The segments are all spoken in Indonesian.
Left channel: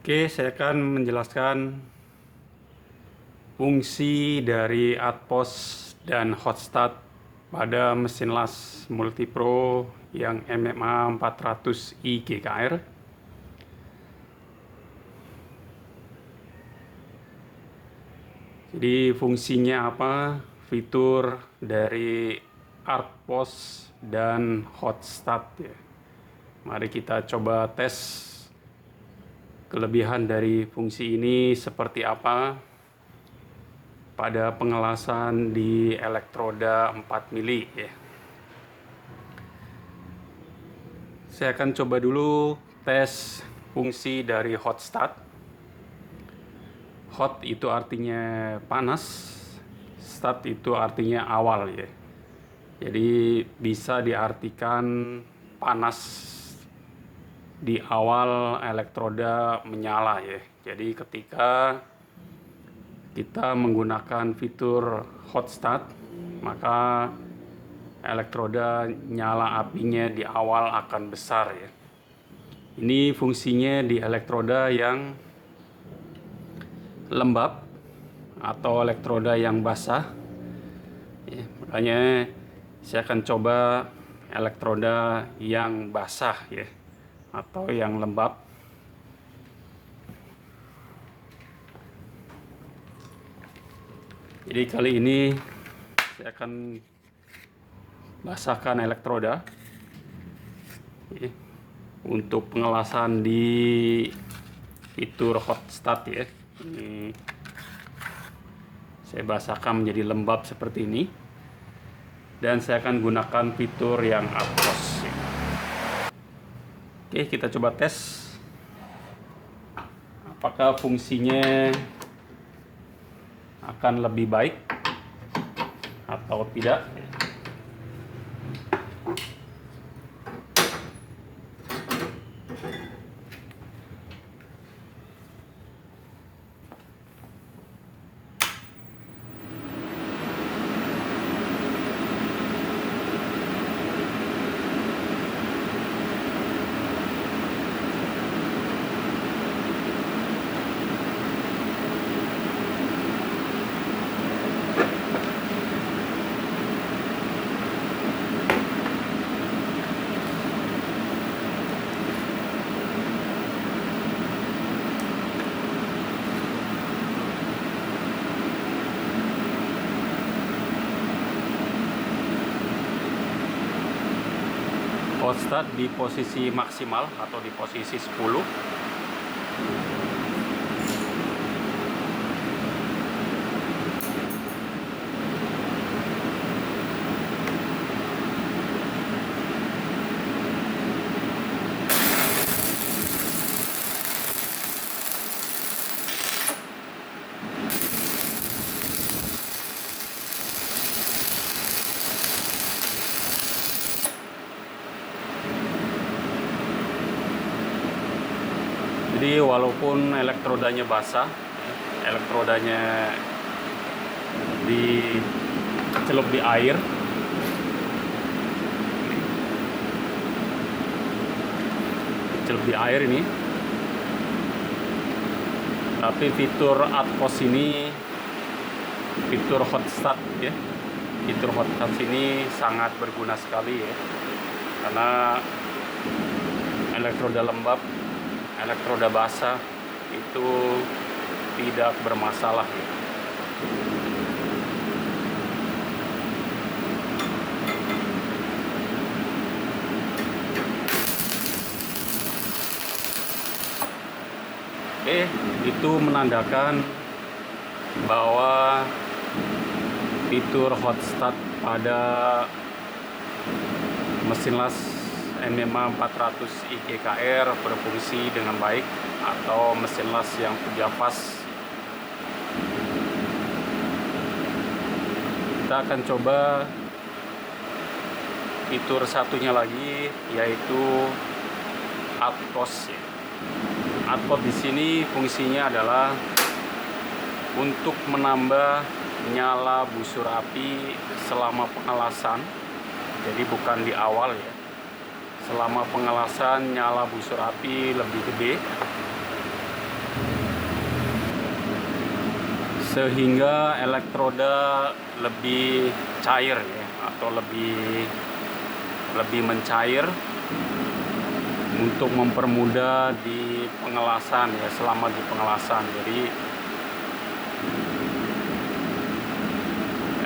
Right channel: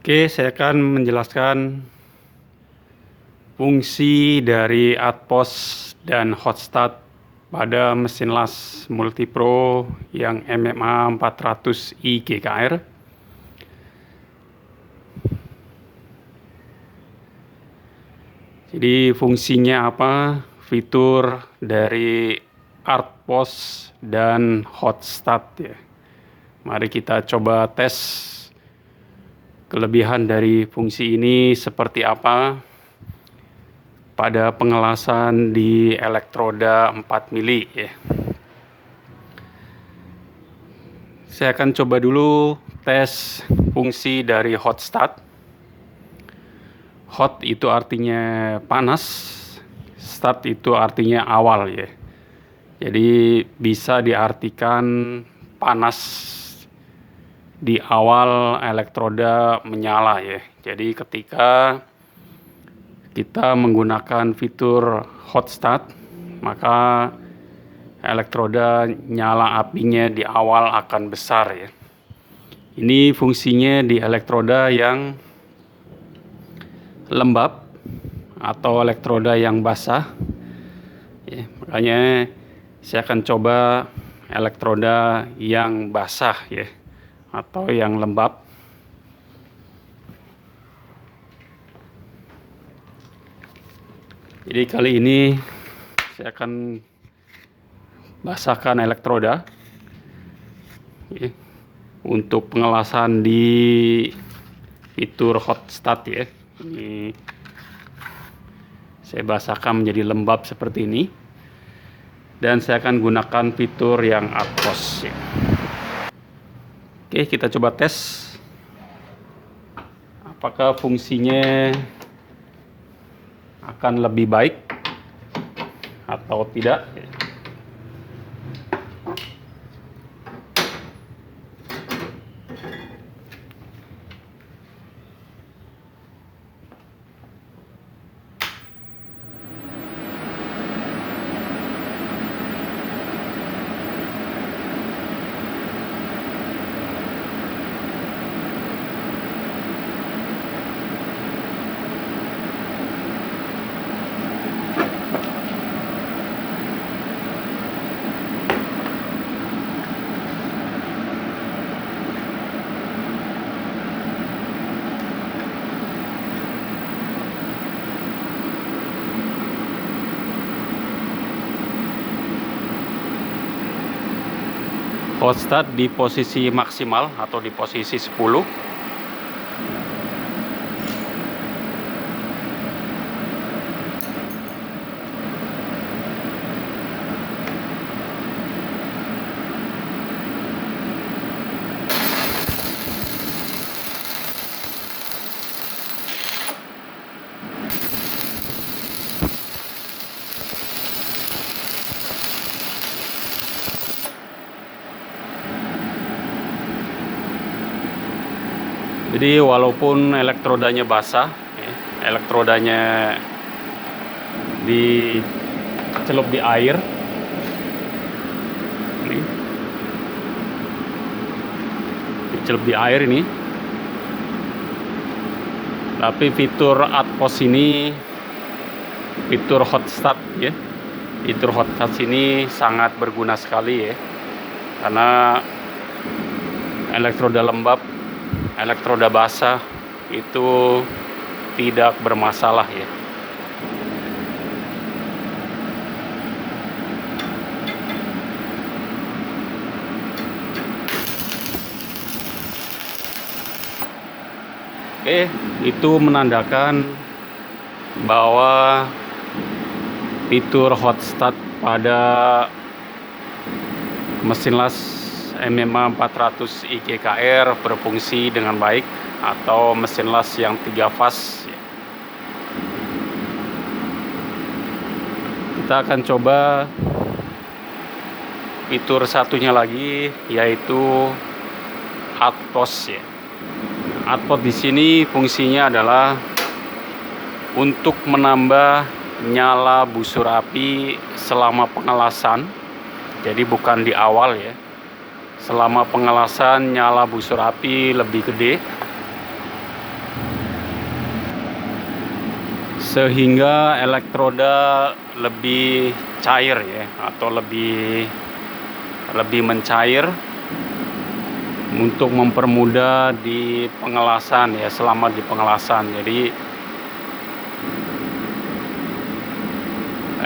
Oke, saya akan menjelaskan fungsi dari Atpos dan Hotstart pada mesin las Multipro yang MMA 400i GKR. Jadi fungsinya apa? Fitur dari Atpos dan Hotstart ya. Mari kita coba tes kelebihan dari fungsi ini seperti apa pada pengelasan di elektroda 4 mili ya. Saya akan coba dulu tes fungsi dari hot start. Hot itu artinya panas, start itu artinya awal ya. Jadi bisa diartikan panas di awal elektroda menyala ya. Jadi ketika kita menggunakan fitur hot start, maka elektroda nyala apinya di awal akan besar ya. Ini fungsinya di elektroda yang lembab atau elektroda yang basah ya, makanya saya akan coba elektroda yang basah ya atau yang lembab. Jadi kali ini saya akan basahkan elektroda ya, untuk pengelasan di fitur hot start ya. Ini saya basahkan menjadi lembab seperti ini, dan saya akan gunakan fitur yang Atpos ya. Oke, kita coba tes apakah fungsinya akan lebih baik atau tidak. Hot start di posisi maksimal atau di posisi 10. Jadi walaupun elektrodanya basah ya, elektrodanya dicelup di air ini, dicelup di air ini, tapi fitur Atpos ini, fitur hot start ya, fitur hot start ini sangat berguna sekali ya, karena elektroda lembab, elektroda basah itu tidak bermasalah ya. Oke, itu menandakan bahwa fitur hot start pada mesin las MMA 400i GKR berfungsi dengan baik, atau mesin las yang 3 fas. Kita akan coba fitur satunya lagi, yaitu Atpos ya. Atpos di sini fungsinya adalah untuk menambah nyala busur api selama pengelasan. Jadi bukan di awal ya. Selama pengelasan nyala busur api lebih gede. sehingga elektroda lebih cair ya, atau lebih mencair untuk mempermudah di pengelasan ya, selama di pengelasan. Jadi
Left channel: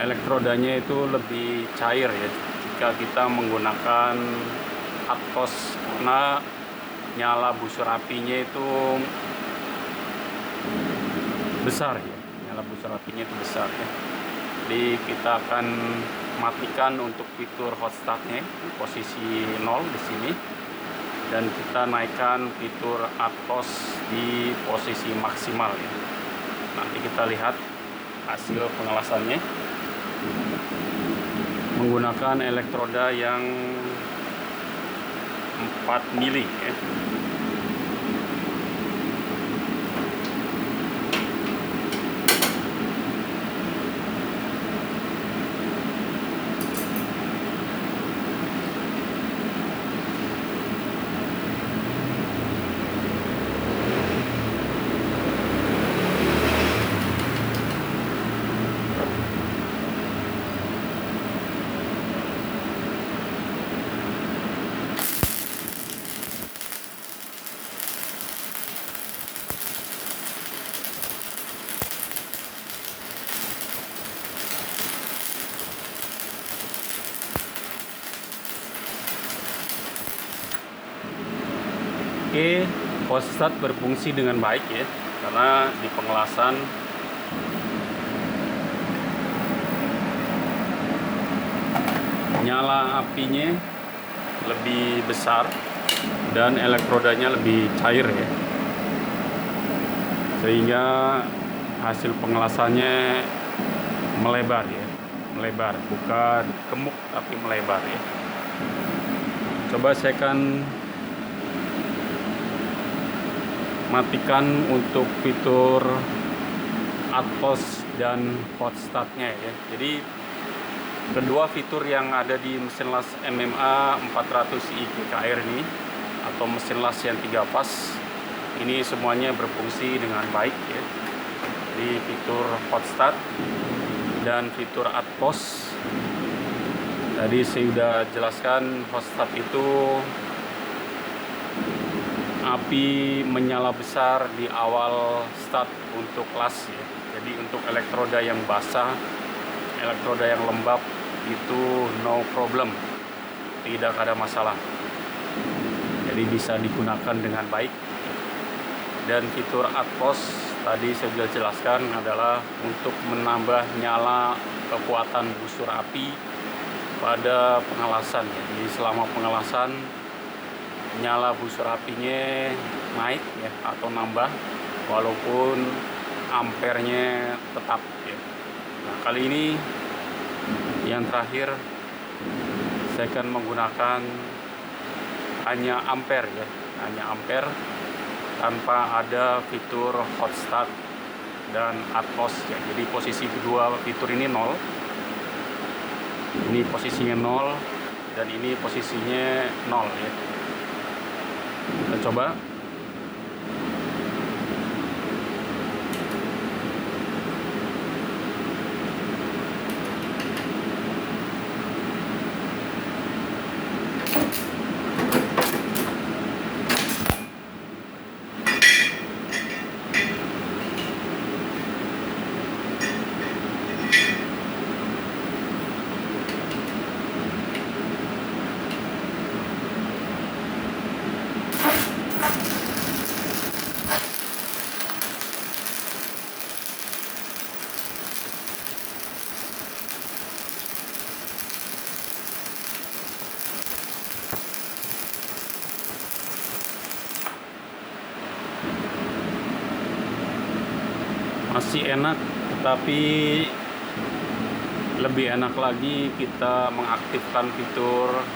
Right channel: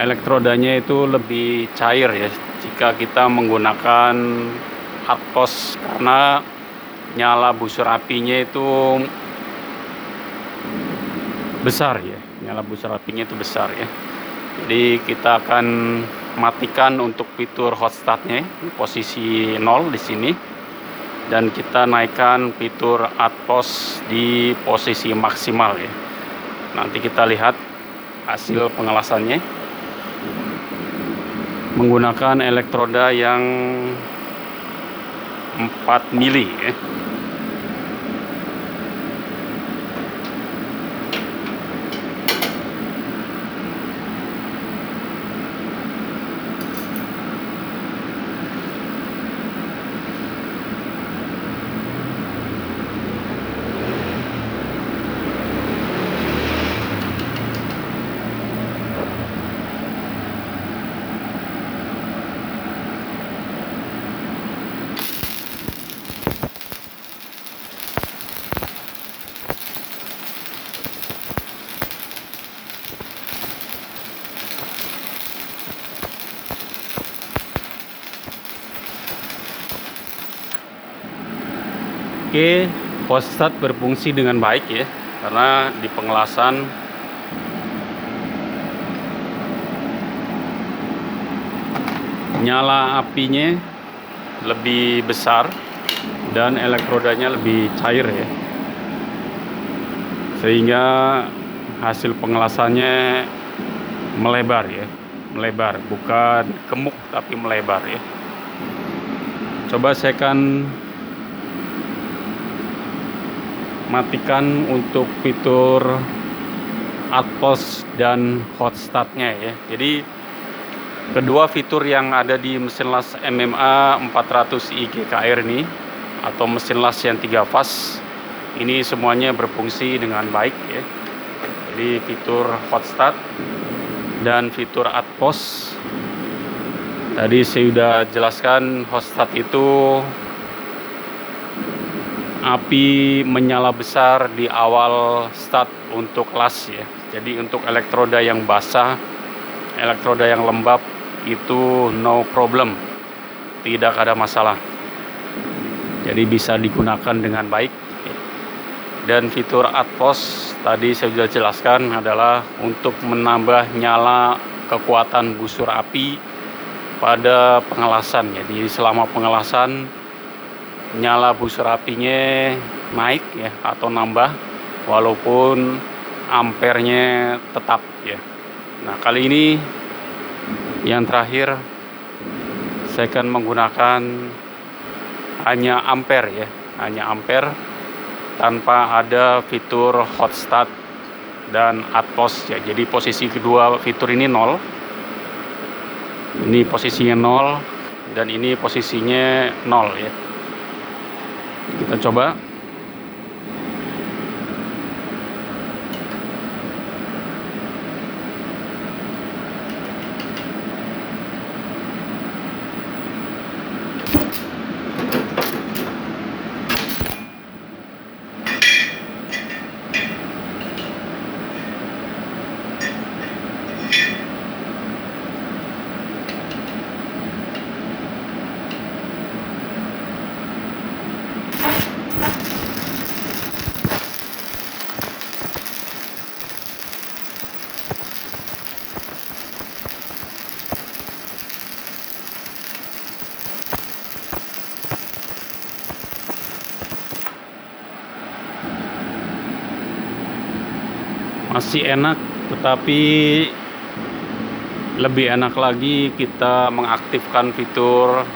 elektrodanya itu lebih cair ya jika kita menggunakan atpos, karena nyala busur apinya itu besar ya, nyala busur apinya itu besar ya. Jadi kita akan matikan untuk fitur hot startnya di posisi 0 di sini, dan kita naikkan fitur atpos di posisi maksimal ya. Nanti kita lihat hasil pengelasannya menggunakan elektroda yang 4 mili ya. Oke, hot start berfungsi dengan baik ya, karena di pengelasan nyala apinya lebih besar dan elektrodanya lebih cair ya, sehingga hasil pengelasannya melebar ya, melebar, bukan gemuk tapi melebar ya. Coba saya akan matikan untuk fitur atpos dan hot startnya ya. Jadi kedua fitur yang ada di mesin las MMA 400i GKR ini, atau mesin las yang 3 fas ini, semuanya berfungsi dengan baik ya. Jadi fitur hot start dan fitur atpos tadi saya sudah jelaskan. Hot start itu api menyala besar di awal start untuk las ya. Jadi untuk elektroda yang basah, elektroda yang lembab itu no problem, tidak ada masalah. Jadi bisa digunakan dengan baik. Dan fitur atpos tadi saya sudah jelaskan adalah untuk menambah nyala kekuatan busur api pada pengelasan ya. Jadi selama pengelasan nyala busur apinya naik ya, atau nambah, walaupun ampernya tetap ya. Nah, kali ini yang terakhir saya akan menggunakan hanya ampere ya, hanya ampere tanpa ada fitur hot start dan atpos ya. Jadi posisi kedua fitur ini 0, ini posisinya 0, dan ini posisinya 0 ya. Kita coba. Masih enak, tetapi lebih enak lagi kita mengaktifkan fitur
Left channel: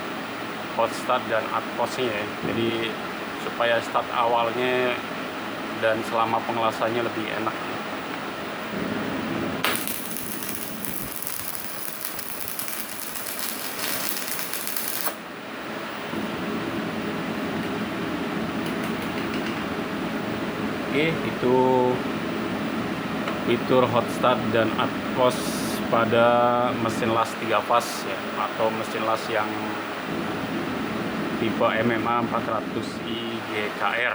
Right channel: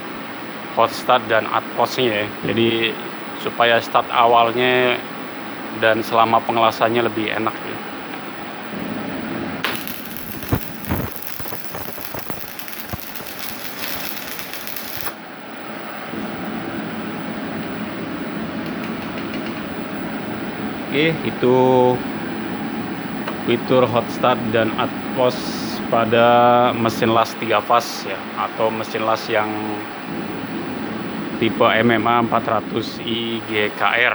hot start dan atposnya ya. Jadi supaya start awalnya dan selama pengelasannya lebih enak ya. Oke, itu fitur hot start dan atpos pada mesin las 3 fas ya, atau mesin las yang tipe MMA 400i GKR.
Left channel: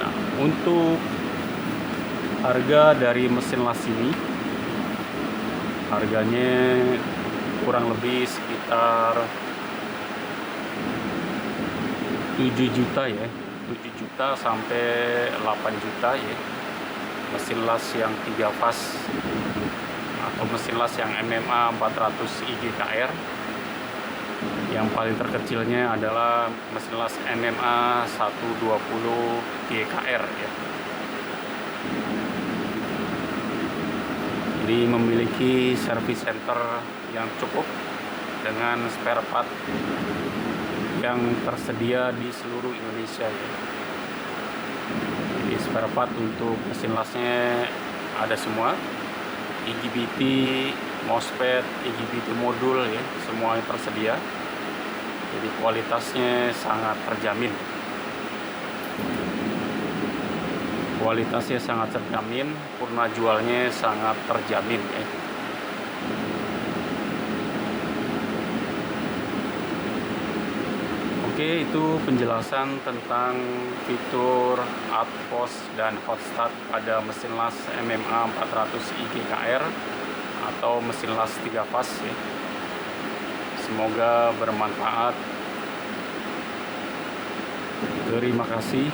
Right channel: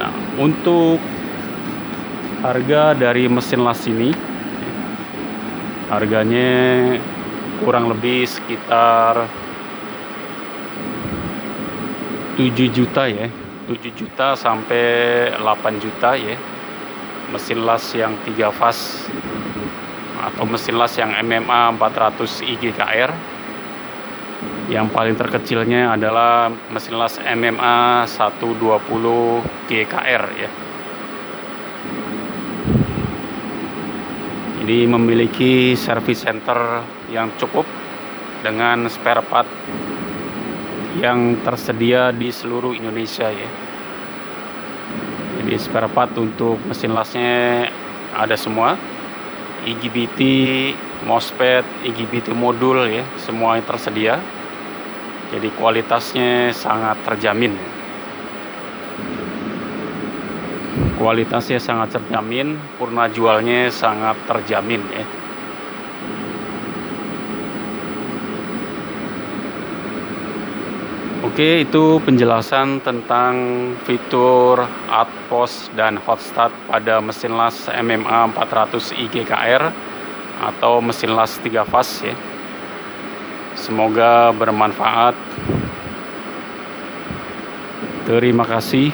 Nah, untuk harga dari mesin las ini, harganya kurang lebih sekitar 7 juta ya, 7 juta sampai 8 juta ya. Mesin las yang 3 fas atau mesin las yang MMA 400i GKR. Yang paling terkecilnya adalah mesin las MMA 120 GKR ya. Jadi memiliki service center yang cukup dengan spare part yang tersedia di seluruh Indonesia ya. Jadi spare part untuk mesin lasnya ada semua, IGBT, MOSFET, IGBT modul ya, semuanya tersedia. Jadi kualitasnya sangat terjamin. Kualitasnya sangat terjamin, purna jualnya sangat terjamin ya. Oke, itu penjelasan tentang fitur atpos dan hot start pada mesin las MMA 400i GKR atau mesin las 3 fas ya. Semoga bermanfaat. Terima kasih.